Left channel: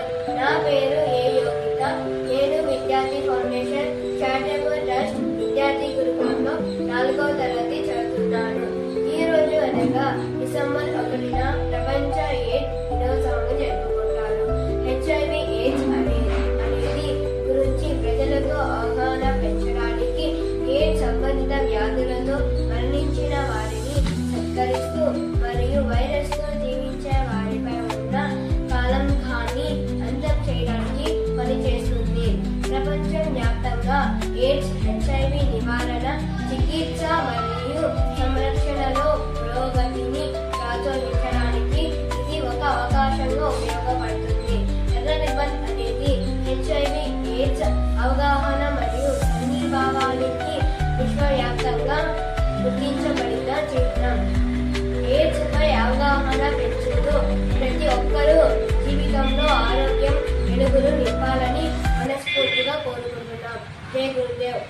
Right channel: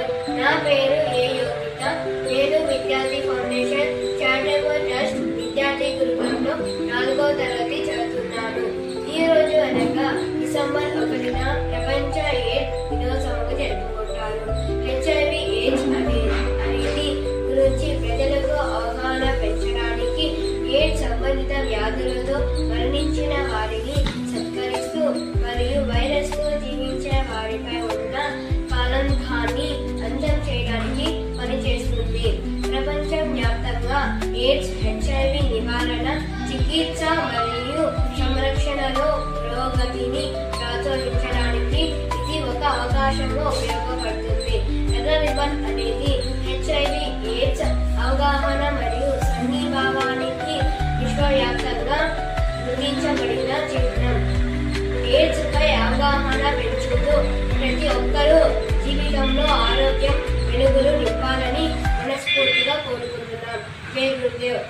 గురుదేవ్. నా పేరు ఏ యోగిత. నేను విద్యార్థి ఫౌండేషన్ చారిటబుల్ ట్రస్ట్ విద్యార్థి గురుకులంలో 4వ తరగతి చదువుతున్నాను. ఈ రోజు అనగా డిసెంబర్ 1న ప్రపంచ ఎయిడ్స్ దినోత్సవం జరుపుకుంటారు. HIV ఎయిడ్స్ అనేది గురించి ప్రజలకు అవగాహన పెంచడానికి, ఎయిడ్స్ సంబంధిత వ్యాధులతో మరణించిన వారిని సత్కరిస్తూ మరియు వైరస్ తో జీవించే వారిపై ఉన్న కాలంకాన్ని అంతం చేయడానికి పనిచేస్తుంది. ప్రపంచం వ్యాప్తంగా ఎయిడ్స్, HIV నివారణ, చికిత్స మరియు సంరక్షణలో పురోగతిని ప్రోత్సహించడానికి ఇది ఒక అవకాశంగా ఉపయోగపడుతుంది. ఎర్ర రిబ్బన్ అనేది HIV ఎయిడ్స్ అవగాహన మరియు సంఘీభావానికి విశ్వవ్యాప్తంగా గుర్తించబడిన చిహ్నం. ఎయిడ్స్ పై అవగాహన పెంచుతూ ప్రతి ఒక్కరూ జీవితంలో ఆరోగ్యం వెలుగులు నింపాలని మనస్ఫూర్తిగా కోరుకుంటున్నాం. జై గురుదేవ్.